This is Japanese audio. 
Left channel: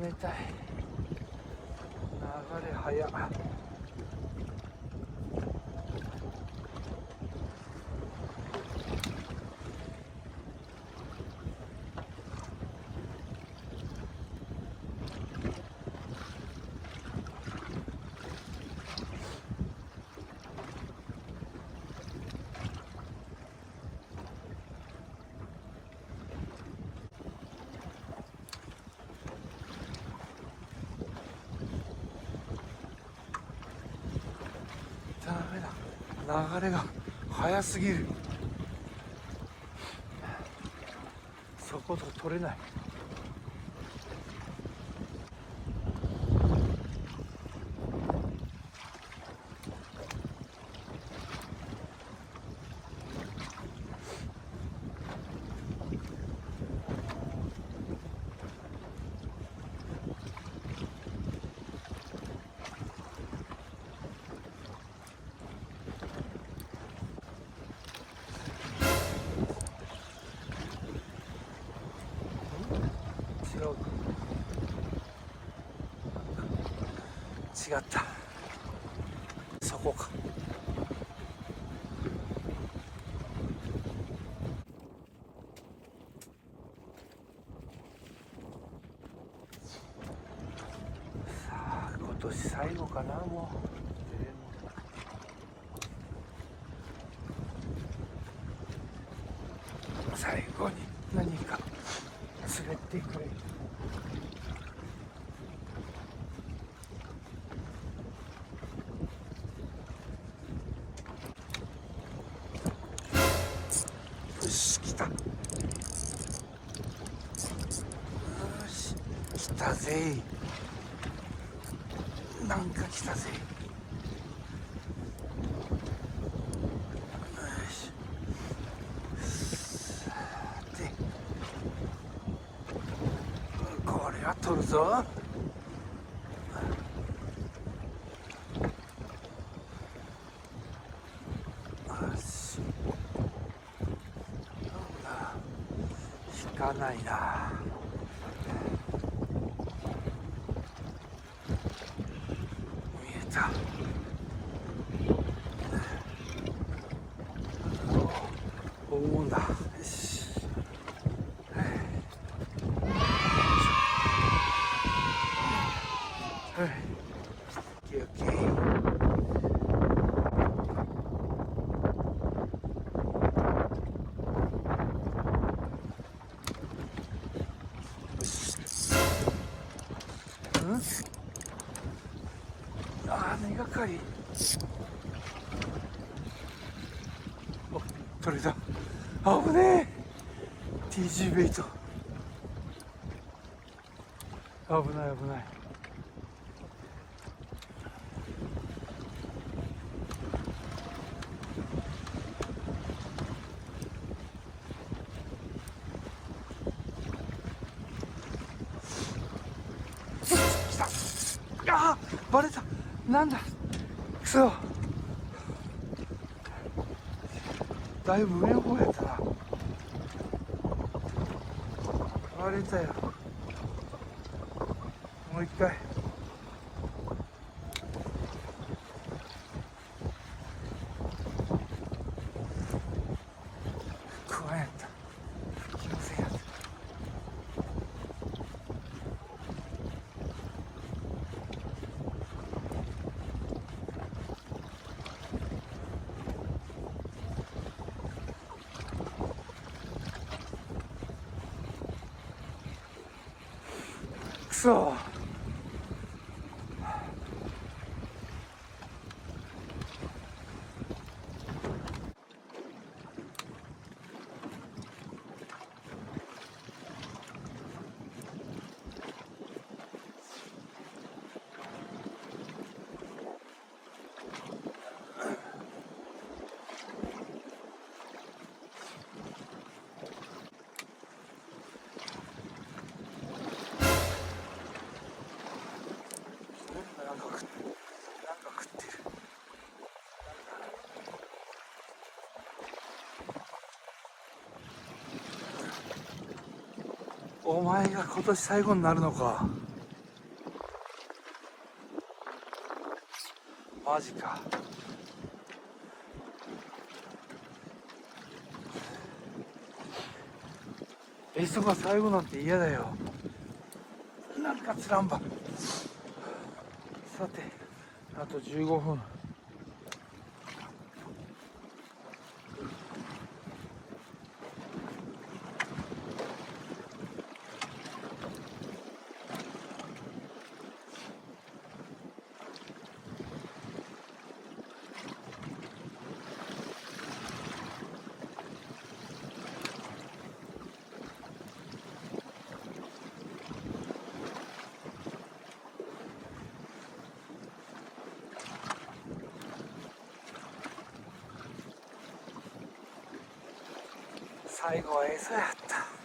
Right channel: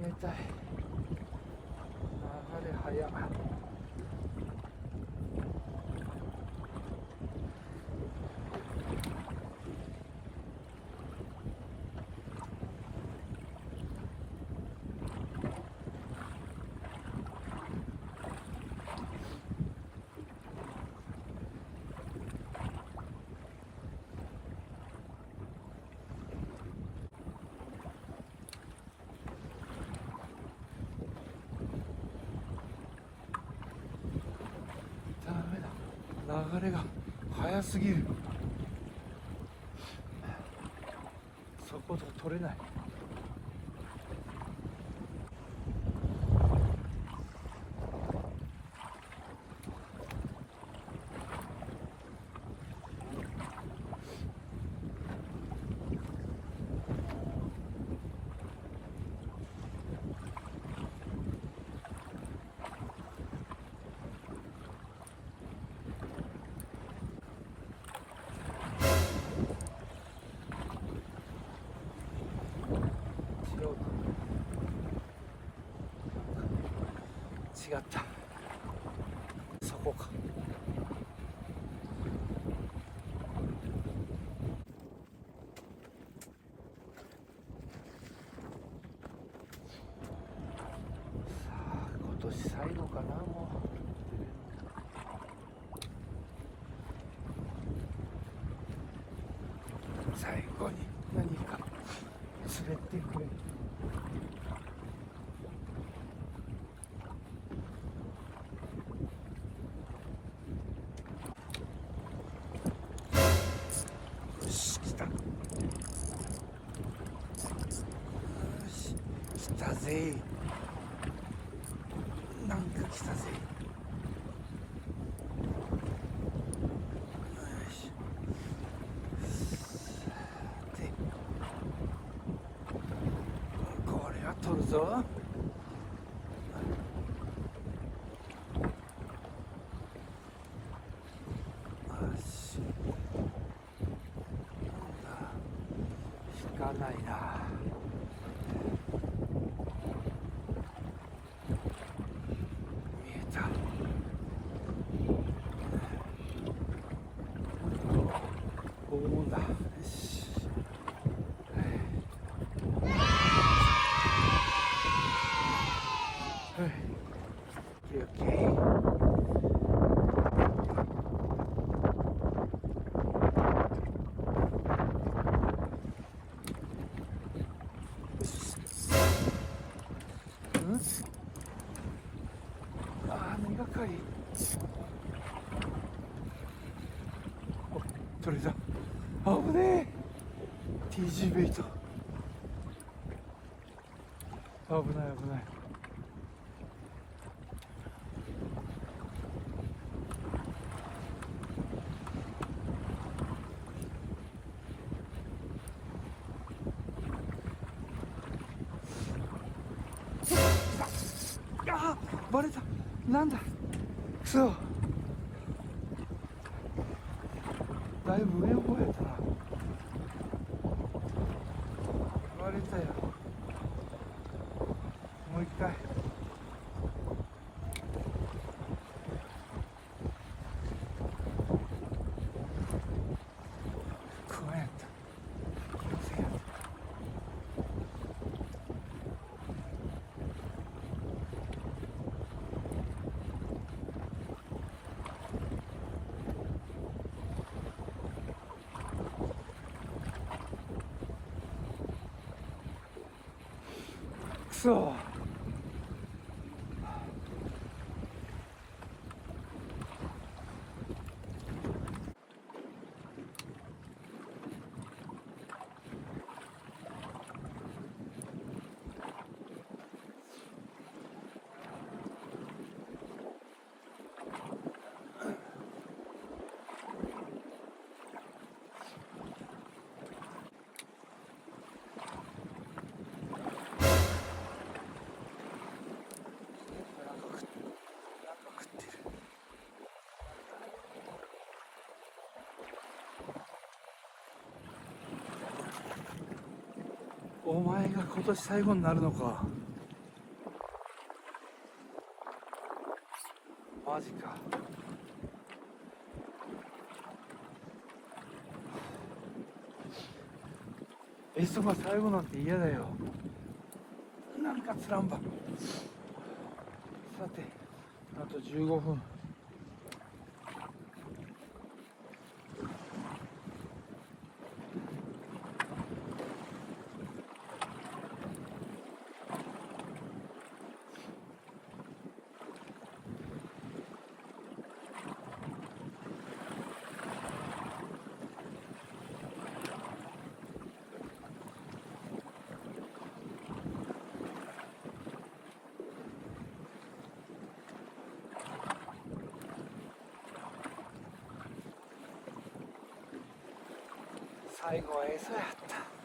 冷たい。流れ早っ。ダメだ、流れが速すぎる。そこと取れない。違った、そこか。さあ今年最後かな、もう。最後に何か滑ってくれる。よし、来た。よし、来たぜ。なんか来たぜ。よし、さてこれは取るぞ。引かないな。見えた。おおだ。よし。はい。オッケーオッケー。根がかり。お、取れた。危ねえ。TG ベイト。危ない危ない。来た。あー、バレた。なんだ。くそ。だいぶ上の方やったな。バレたよ。もう一回。不安やった。気のせいやった。くそ。なんか食ってる。お前が今年最後になるのか。マジか。エソが最後なんて嫌だよ。なんかつらんば。さて、あと15分。最後は餌やった。